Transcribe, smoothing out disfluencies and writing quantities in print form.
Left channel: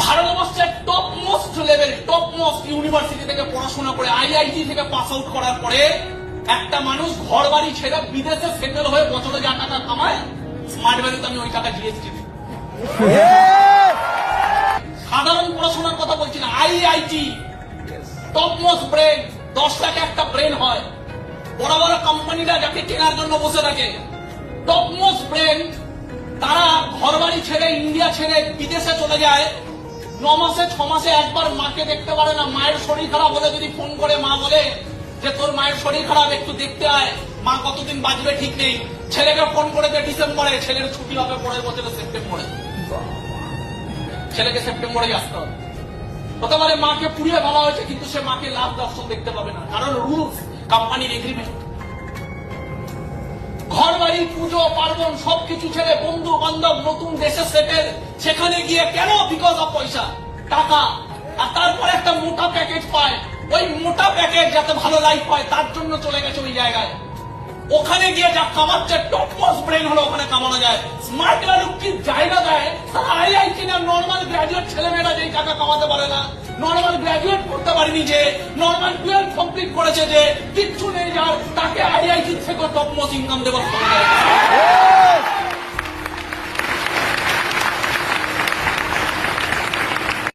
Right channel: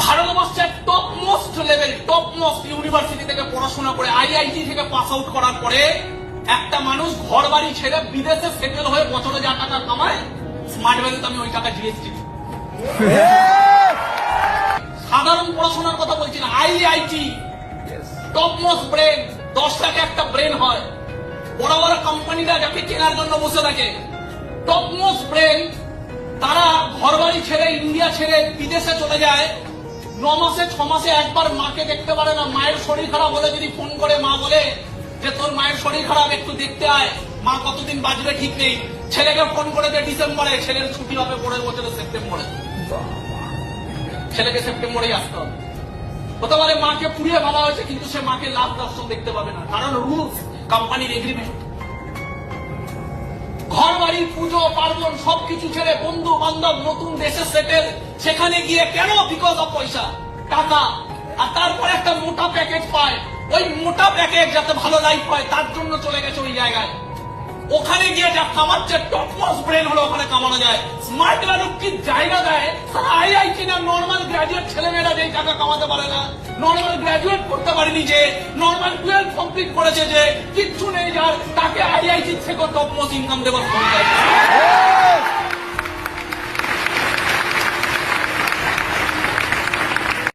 ভারতবর্ষের top most level, top most university থেকে পড়াশোনা করে আইআইটি থেকে পাস আউট করার পরে একটা মানুষ ঘর বাড়ি ছেড়ে বিদেশে সেটেল হয়ে বছরে যা টাকা কামায়, স্মার্ট ভ্যালুতে আমি ওই টাকা জিএসটি। সাধারণ পড়াশোনার কথা বলছি না, আইআইটি টপ মোস্ট ব্রেন, 10 লাখে একটা ব্রেন হয়। বড় বড় কোম্পানিরা যাকে কেনার জন্য বসে থাকে, টপ মোস্ট ব্রেন, তারা ঘর বাড়ি ছেড়ে ইন্ডিয়া ছেড়ে বিদেশে চলে যায়। 9 মাসে 6 মাসে একবার মাকে দেখতে পারে না। মায়ের শরীর খারাপ হলে যদি ফোন করে মা বলে যে তোর মায়ের শরীর খারাপ, একটু দেখতে আয়, মা কতদিন বাঁচবে ঠিক নেই। ছেলেকে ফোন করে যে ডিসেম্বরে, ছেলের ছুটি হবে পরের বছরে সেপ্টেম্বরে, ছেলেকে সেপ্টেম্বরেই আসতে হবে। হতে পারে মাকে পুড়িয়ে ফেলা হয়েছে, কিন্তু সে মাকে লাভ দর্শন দেখতে পাবে না, কারণ রুলস, কোম্পানির এগ্রিমেন্ট। ঘর বাড়ি, পুজো পার্বণ সবকিছু ছেড়ে বন্ধু বান্ধব, নতুন দেশে সেটেল, সেখানে গিয়ে কেন? বিকজ অফ পয়সা, টাকা। আর তারপর একটা মোটা প্যাকেজ পায়, ওই মোটা প্যাকেজ যাতে ভালো লাইফ হয় তার জন্য চলে গেছে ওই জায়গায়। ওখানে গিয়ে যা কামাচ্ছে, টপ মোস্ট ব্রেন হলো ওখানে কামানো যায়। স্মার্ট ভ্যালু কি জায়গা দেয়? আইআইটি না নর্মাল গ্রাজুয়েট ছেলেমেয়েরা যেই টাকা কামাতে পারে না, নর্মাল গ্রাজুয়েট করতে পারেনি যে, নর্মাল 12 কমপ্লিট করেছে যে, কিচ্ছু নেই যার, তাকে আইআইটি থেকে টপ মোস্ট ইনকাম দেওয়ার